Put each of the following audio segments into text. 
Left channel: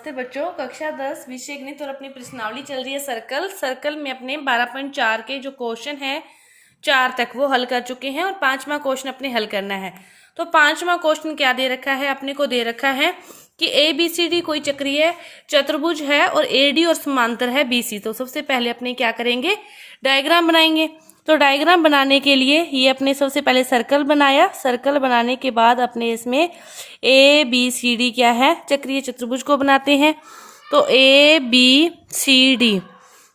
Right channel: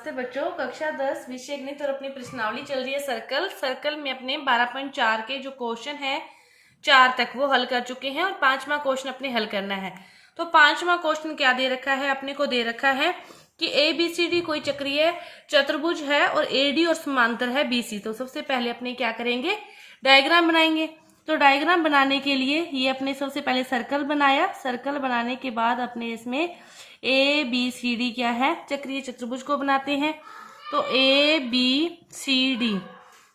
नमस्ते बच्चों, कक्षा 10 विषय गणित और अपनी प्रश्नावली चल रही है सर्कल में अपने 12.4 के जो क्वेश्चन है 4 तक वो हल कर चुके हैं और 5वां क्वेश्चन अपने हल करना है। तो 5वां क्वेश्चन क्या दे रखा है, अपने को दे रखा है कि ABCD कोई चक्रीय चतुर्भुज है और AD और समांतर है BC। तो सबसे पहले अपने क्या करेंगे, डायग्राम बनाएंगे। तो डायग्राम बनाने के लिए ये अपने सबसे पहले सर्कल बनाया। सर्कल बनाने के बाद अपने इसमें ABCD क्या है, चक्रीय चतुर्भुज को बनाते हैं। तो ABCD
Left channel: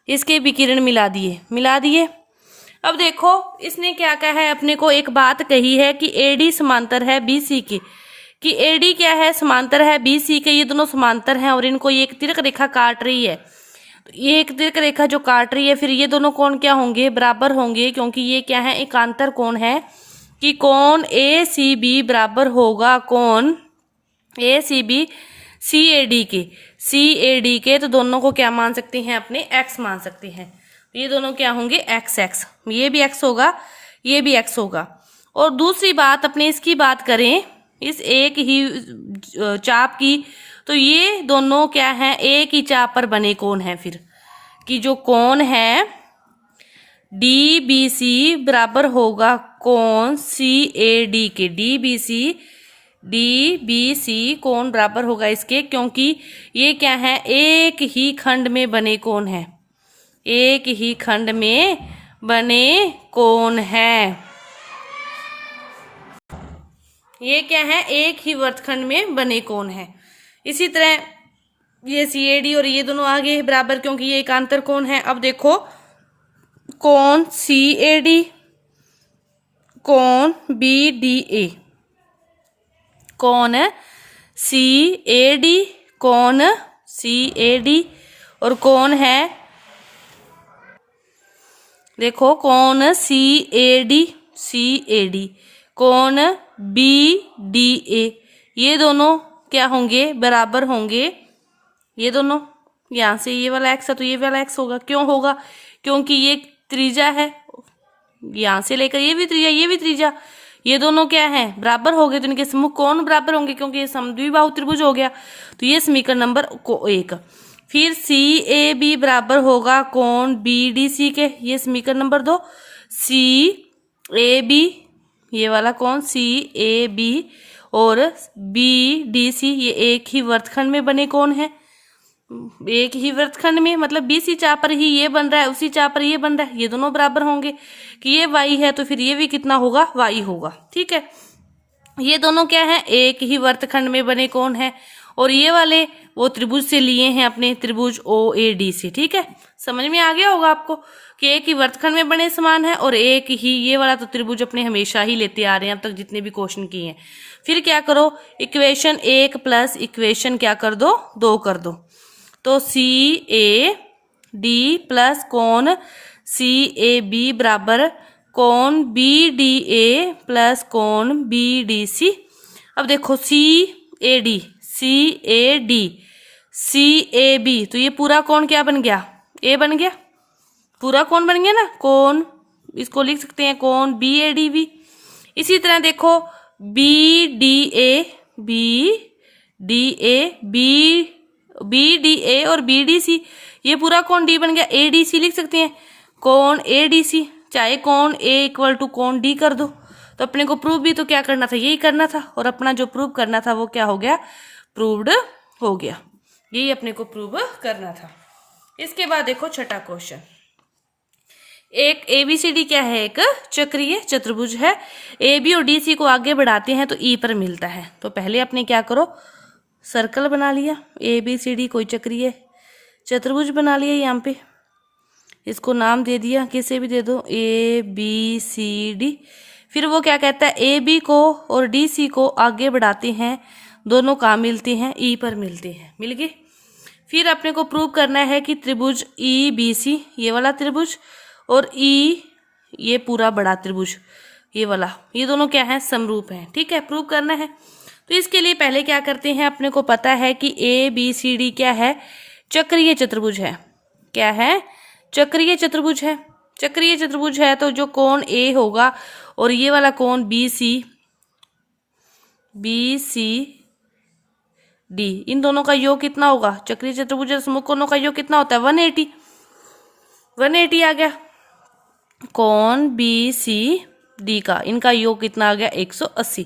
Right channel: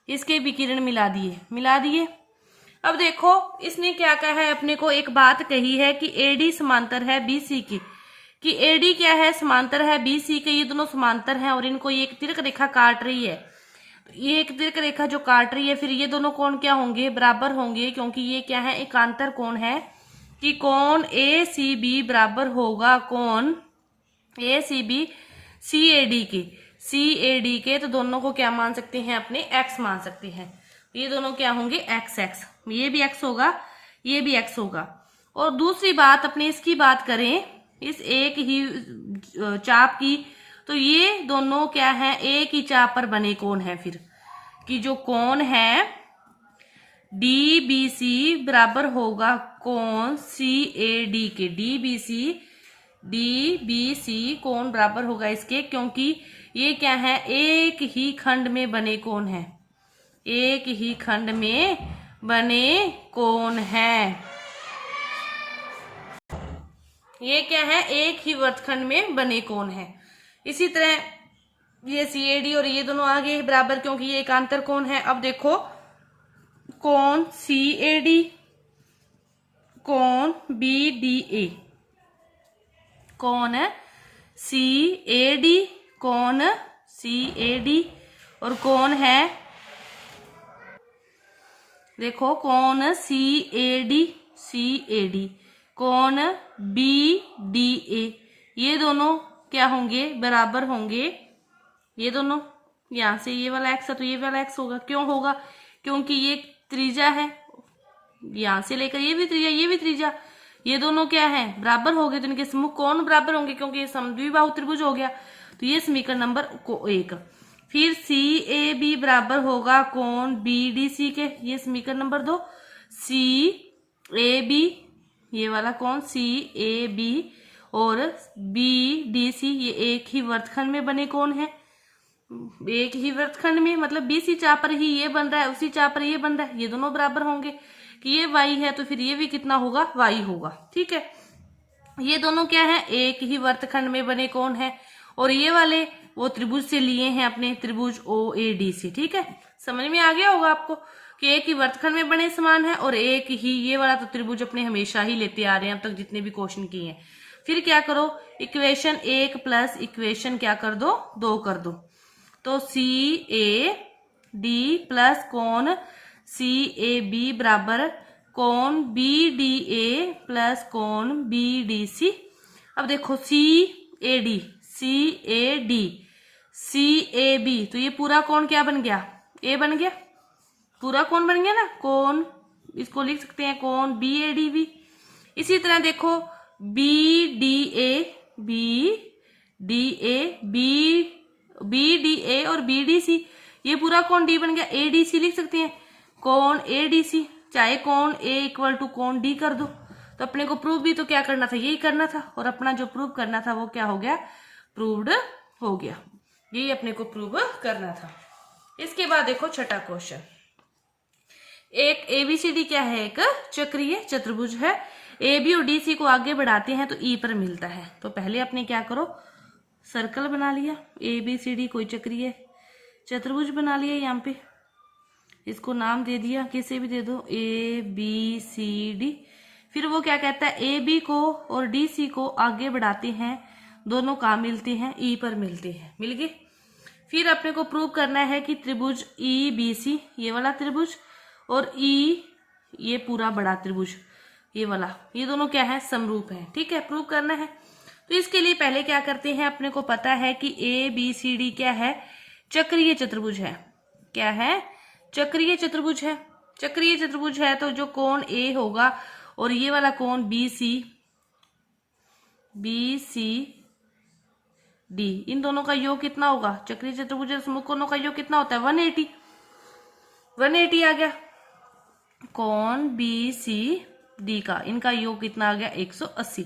इसके विकिरण मिला दिए। अब देखो इसने क्या कहा है, अपने को एक बात कही है कि AD समांतर है BC की, कि AD क्या है, समांतर है BC के। ये दोनों समांतर हैं और इनको ये एक तिर्क रेखा काट रही है। ये एक तिर्क रेखा जो काट रही है, फिर ये दोनों कोण क्या होंगे, बराबर होंगे, क्योंकि ये क्या है, एकांतर कोण है। कि कोण ACB बराबर होगा कोण ACB CAD के। तो दोनों को क्या मान सकते हैं, अपने x मान सकते हैं। ये दोनों क्या होंगे, x, ये भी x होगा, ये भी x होगा। और दूसरी बात अपने इसकी बात करें, इस एक ही चाप की, तो ये दोनों क्या है, एक ही चाप पर बने कोण है। फिर कि जो कोण है DBC बराबर होगा कोण CAD के। DBC कोण बराबर होगा इसके, क्योंकि ये क्या है, एक ही खंड में बने कोण है, एक ही खंड में बने कोण है। ये क्या है, एक ही वर्तखंड में बने कोण है। इसी तरह ये CAD और ये दोनों आगे बराबर, क्योंकि ये एकांतर कोण है। अब देखो कोण CAD, कोण BDA, कोण CAD, कोण CAD और कोण है, देखो कोण CAD, कोण BDA, ये दोनों क्या होंगे, बराबर होंगे। ये दोनों, यहाँ से ये वाला x है तो ये वाला x होगा। क्यों होगा, क्योंकि ये त्रिज्या है, यहाँ से लेकर ये भी त्रिज्या, ये भी त्रिज्या, ये दोनों क्या है, बराबर हो गए। तो इनके समूह कोण बराबर होंगे, क्योंकि ये समद्विबाहु त्रिभुज हो गया। तो ये समीकरण नंबर 1। फिर CAB बराबर होगा कोण BDC के, ये समीकरण नंबर 2। CAB, ये वाला कोण CAB और BDC, ये एक ही वर्तखंड में बने कोण है। एक ही वृत्तखंड में, मतलब BC चाप पर ही ये बन रहा है, उसी चाप पर ये बन रहा है, ये दोनों बराबर होंगे। कि ये y है तो फिर ये भी कितना होगा, y होगा। ठीक है, ये दोनों क्या है, एक ही वर्तखंड में बने कोण है। और ये वाले वो त्रिभुज से लिए हैं, अपने त्रिभुज OADC। ठीक है, समझ में आ गया होगा आपको कि एक ही वर्तखंड में बने समान है और एक ही ये वाला तो त्रिभुज अपने हमेशा ही लेते आ रहे हैं अब तक जितने भी क्वेश्चन किए हैं। फिर क्या करो, इक्वेशन 1 प्लस इक्वेशन क्या कर दो, 2 कर दो। तो CAD प्लस कोण CAB बराबर कोण BDA प्लस कोण BDC। अब देखो CAD CAB, तो ये पूरा कोण क्या बन गया, A बन गया, पूरा कोण बन गया ना। कोण इसको लिख सकते हैं कोण BADB। इसी तरह देखो BDA और BDC, ये पूरा कोण D बन गया। ADC लिख सकते हैं, कोण ADC, चाहे कोण A इक्वल टू कोण D कर दो। तो अपने को प्रूव भी तो क्या करना था, यही करना था। और अपना जो प्रूव करना था वो क्या हो गया, प्रूव्ड हो गया। यही अपने को प्रूव करना था। इसके बाद देखो छठा क्वेश्चन, एक ABCD क्या है, एक चक्रीय चतुर्भुज है। AB और DC को आगे बढ़ाते हैं तो E पर मिलता है। तो पहले अपने क्या करो, सर्कल बना लिया, ABCD कोई चक्रीय चतुर्भुज बना लिया। यहाँ पे इसको नाम दे दिया, किसे भी दे दो, ABCD। फिर वो क्या कहता है, AB को और DC को आगे बढ़ाते हैं, दोनों कहाँ मिलते हैं, E पर मिलते हैं, मिल गए। फिर अपने को प्रूव करना है कि त्रिभुज EBC, ये वाला त्रिभुज, और E ये पूरा बड़ा त्रिभुज, ये वाला, ये दोनों क्या है, समरूप हैं। ठीक है, प्रूव करना है। तो इसके लिए पहले क्या करते हैं, अपने को पता है कि ABCD क्या है, चक्रीय चतुर्भुज है। क्या है, चक्रीय चतुर्भुज है। चक्रीय चतुर्भुज है तो जो कोण A होगा और ये वाला कोण BC डी, इन दोनों का योग कितना होगा, चक्रीय चतुर्भुज सम्मुख कोणों का योग कितना होता है 180, 180 आ गया। कोण बी सी डी का इनका योग कितना आ गया 180।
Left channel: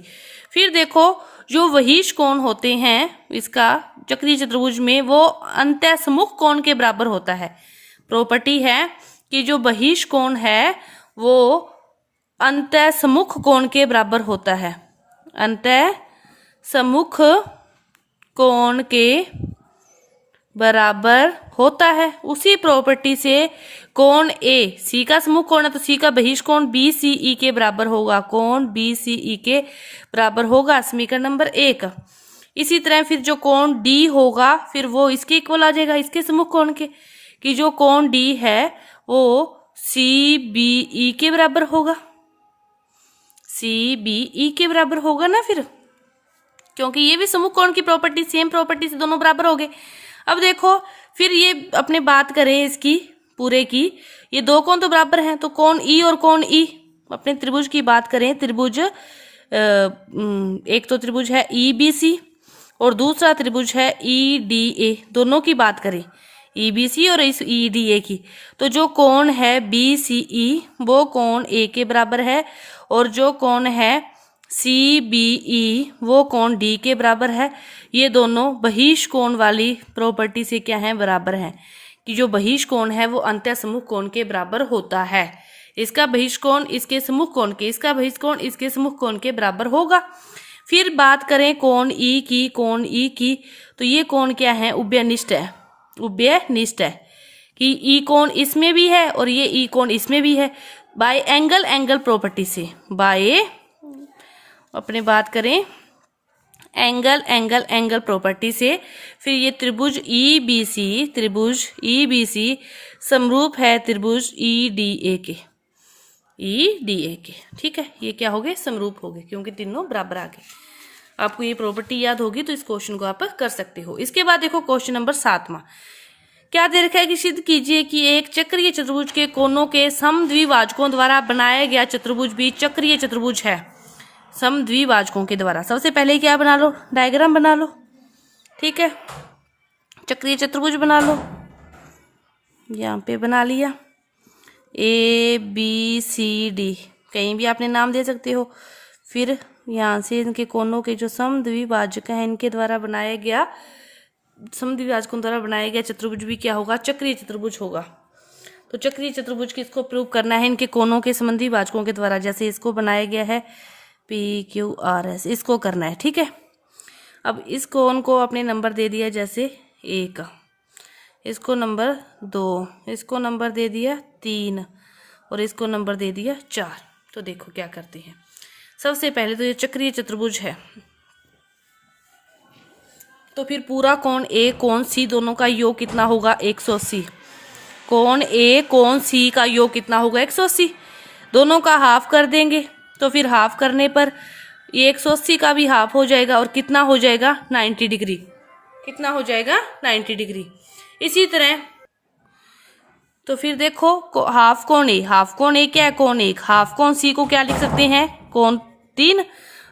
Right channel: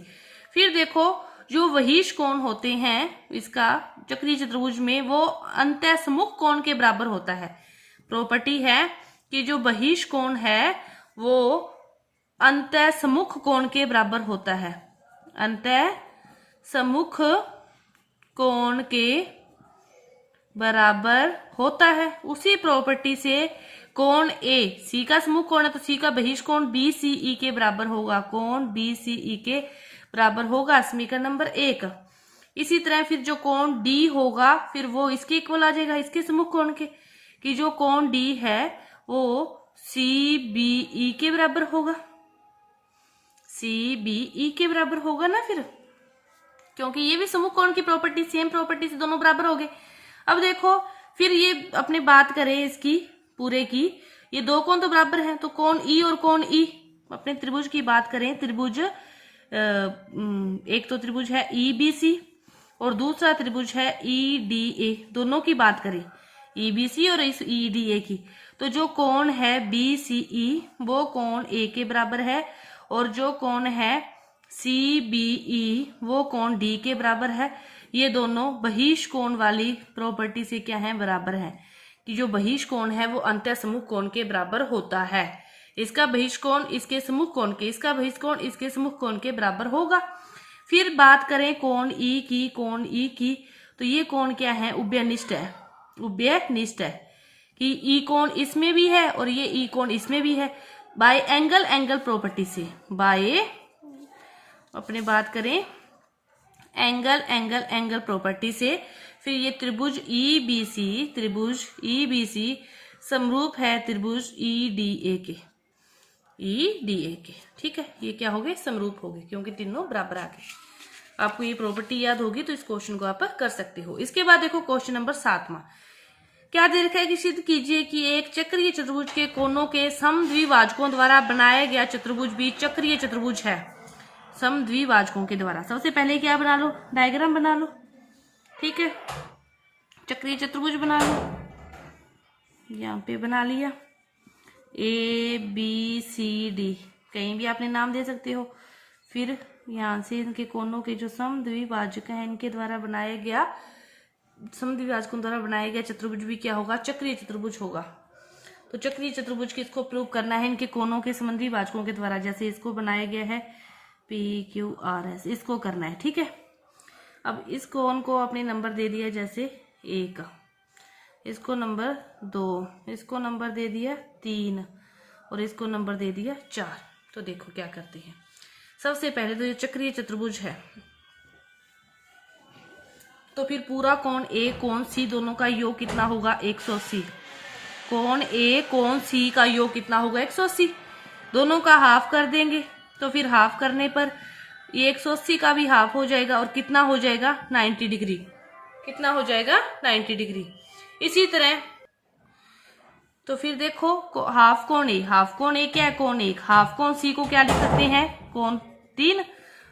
फिर देखो जो वहीश कोण होते हैं इसका चक्रीय चतुर्भुज में वो अंतःसम्मुख कोण के बराबर होता है। प्रॉपर्टी है कि जो बहिष कोण है वो अंतःसम्मुख कोण के बराबर होता है, अंतःसम्मुख कोण के बराबर होता है। उसी प्रॉपर्टी से कोण ए सी का सम्मुख कोण है तो सी का बहिष कोण बी सी ई के बराबर होगा, कोण बी सी ई के बराबर होगा, समीकरण नंबर 1। इसी तरह फिर जो कोण डी होगा फिर वो इसके इक्वल आ जाएगा, इसके सम्मुख कोण के, कि जो कोण डी है वो सी बी ई के बराबर होगा, सी बी ई के बराबर होगा ना, फिर क्योंकि ये भी सम्मुख कोण की प्रॉपर्टी, सेम प्रॉपर्टी से दोनों बराबर हो गए। अब देखो फिर ये अपने बात करें इसकी पूरे की, ये दो कोण तो बराबर हैं, तो कोण ई और कोण ई, अपने त्रिभुज की बात करें, त्रिभुज एक तो त्रिभुज है ई बी सी और दूसरा त्रिभुज है ई डी ए, दोनों की बात करें ई बी सी और इस ई डी ए की, तो जो कोण है बी सी ई वो कोण ए के बराबर है और जो कोण है सी बी ई वो कोण डी के बराबर है। ये दोनों बहिष कोण वाली प्रॉपर्टी से क्या है, बराबर हैं, कि जो बहिष कोण है वो अंतःसम्मुख कोण के बराबर होता है। इसका बहिष कोण इसके सम्मुख कोण के, इसका बहिष कोण इसके सम्मुख कोण के बराबर होगा। फिर बात करें कोण ई की, कोण ई की, तो ये कोण क्या है, उभयनिष्ठ है, उभयनिष्ठ है कि ई कोण इसमें भी है और ये ई कोण इसमें भी है, बाय एंगल एंगल प्रॉपर्टी से, बाय अपने बात करें एंगल एंगल एंगल प्रॉपर्टी से। फिर ये त्रिभुज ई बी सी, त्रिभुज ई बी सी समरूप है त्रिभुज ई डी ए के, ई डी ए के, ठीक है, ये क्या हो गए, समरूप हो गए क्योंकि तीनों बराबर आ गए। आपको ये प्रॉपर्टी याद होगी तो इस क्वेश्चन को आप कर सकते हो। इसके बाद देखो क्वेश्चन नंबर 7वां, क्या दे रखा है कि सिद्ध कीजिए कि एक चक्रीय चतुर्भुज के कोनों के समद्विभाजकों द्वारा बनाया गया चतुर्भुज भी चक्रीय चतुर्भुज है, समद्विभाजकों के द्वारा। सबसे पहले क्या बना लो, डायग्राम बना लो, ठीक है, चक्रीय चतुर्भुज बना लो, यहाँ पे बना लिया, ए बी सी डी कहीं भी आपने नाम दे सकते हो। फिर यहाँ से इनके कोनों के जो समद्विभाजक हैं इनके द्वारा बनाया गया, समद्विभाजकों द्वारा बनाया गया चतुर्भुज भी क्या होगा, चक्रीय चतुर्भुज होगा। तो चक्रीय चतुर्भुज किसको प्रूव करना है, इनके कोनों के समद्विभाजकों के द्वारा, जैसे इसको बनाया गया है पी क्यू आर एस, इसको करना है, ठीक है। अब इस कोण को आपने नंबर दे दिया जैसे 1, इसको नंबर 2, इसको नंबर दे दिया 3 और इसको नंबर दे दिया 4। तो देखो क्या करते हैं, सबसे पहले तो ये चक्रीय चतुर्भुज है, तो फिर पूरा कोण ए कोण सी दोनों का योग कितना होगा 180, कोण ए कोण सी का योग कितना होगा 180, दोनों का हाफ कर देंगे, तो फिर हाफ करने पर ये 180 का भी हाफ हो जाएगा और कितना हो जाएगा 90 डिग्री, कितना हो जाएगा 90 डिग्री। इसी तरह तो फिर देखो हाफ कोण ए, हाफ कोण ए क्या है, कोण 1, हाफ कोण सी को क्या लिख सकते हैं, कोण 3,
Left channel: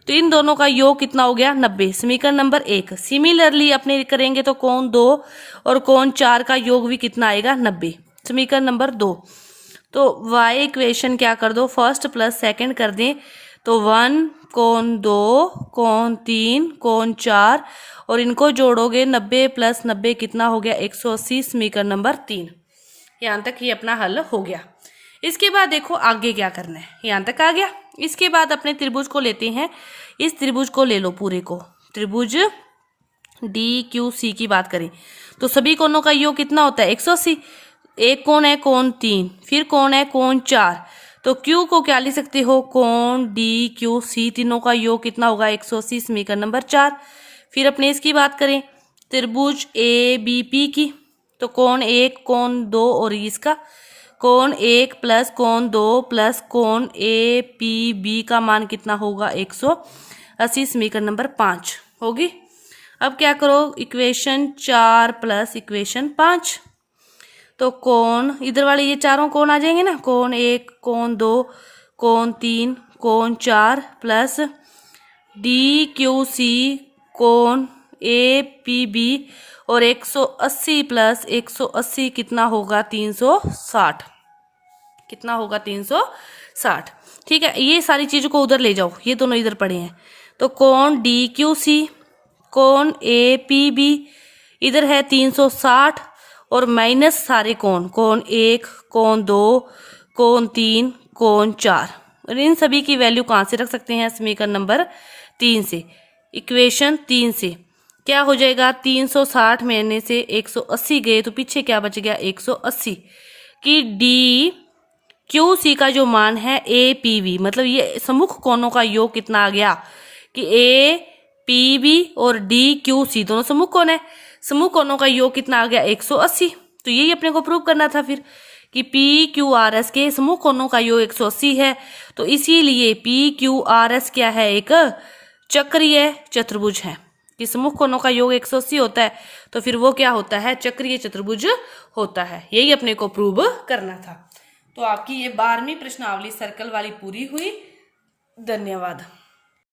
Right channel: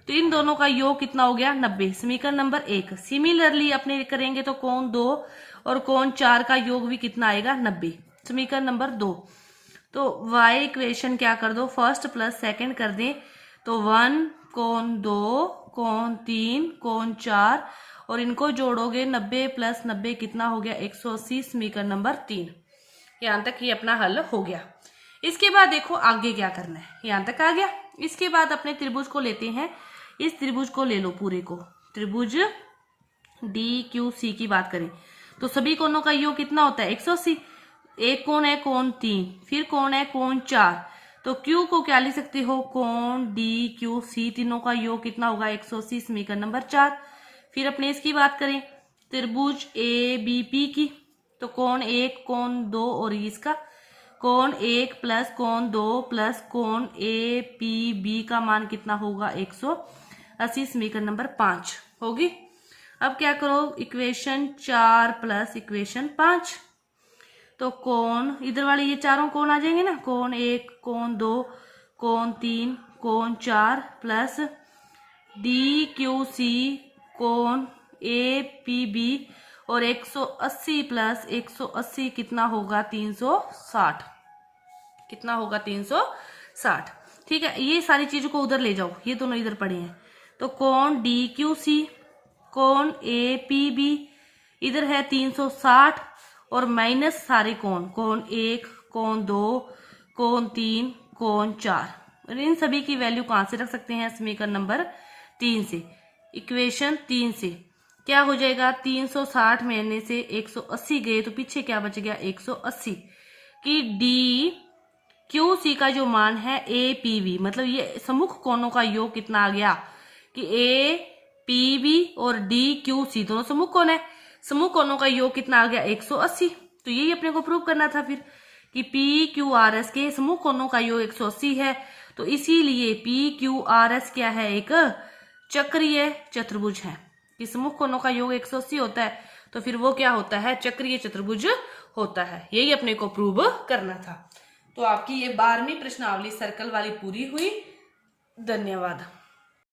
तो इन दोनों का योग कितना हो गया 90, समीकरण नंबर 1। सिमिलरली अपने करेंगे तो कोण 2 और कोण 4 का योग भी कितना आएगा 90, समीकरण नंबर 2। तो y इक्वेशन क्या कर दो, फर्स्ट प्लस सेकंड कर दें, तो 1 कोण 2 कोण 3 कोण 4 और इनको जोड़ोगे 90 प्लस 90 कितना हो गया 180, समीकरण नंबर 3। यहाँ तक ये अपना हल हो गया। इसके बाद देखो आगे क्या करना है, यहाँ तक आ गया। इसके बाद अपने त्रिभुज को लेते हैं, इस त्रिभुज को ले लो पूरे को, त्रिभुज डी क्यू सी की बात करें तो सभी कोणों का योग कितना होता है 180, एक कोण है कोण 3, फिर कोण है कोण 4, तो Q को क्या लिख सकते हो, कोण डी क्यू सी तीनों का योग कितना होगा 180, समीकरण नंबर 4। फिर अपने इसकी बात करें त्रिभुज ए बी पी की, तो कोण 1 कोण 2 और इसका कोण 1 प्लस कोण 2 प्लस कोण ए पी बी का मान कितना होगा 180, समीकरण नंबर 5 होगी। अब क्या करो, इक्वेशन 4 प्लस इक्वेशन 5, तो कोण इधर वाले ये चारों कोण आ जाएंगे ना, कोण 1 कोण 2 कोण 3 कोण 4 प्लस डी क्यू सी कोण ए पी बी और 180 प्लस 180 कितना होगा 360, कितना होगा 360। ठीक है, ये सारी चीज़ों को उधर ले जाओ, ये दोनों इधर पड़े हैं। तो कोण डी क्यू सी, कोण ए पी बी, इधर है 360 और माइनस सारे कोण, कोण 1, कोण 2, कोण 3, कोण 4। और इन सभी की वैल्यू कहाँ से रख सकते हैं? समीकरण नंबर 3 से, इक्वेशन 3 से। क्या हो जाएगा? 360 में से 180 गए तो पीछे क्या बच गया? 180 कि डी क्यू सी का जो मान है ए पी बी, मतलब ये सम्मुख कोणों का योग कितना आ गया कि ए पी बी और डी क्यू सी दोनों सम्मुख कोण है, सम्मुख कोणों का योग कितना आ गया? 180। तो यही अपने को प्रूव करना था फिर कि पी क्यू आर एस के सम्मुख कोणों का योग 180 है। तो इसीलिए पी क्यू आर एस क्या है? एक चक्रीय चतुर्भुज है। कि सम्मुख कोणों का योग 180 होता है तो फिर वो क्या होता है? चक्रीय चतुर्भुज होता है। यही अपने को प्रूव करना था। तो आपकी ये 12वीं प्रश्नावली सर्कल वाली पूरी हुई। धन्यवाद।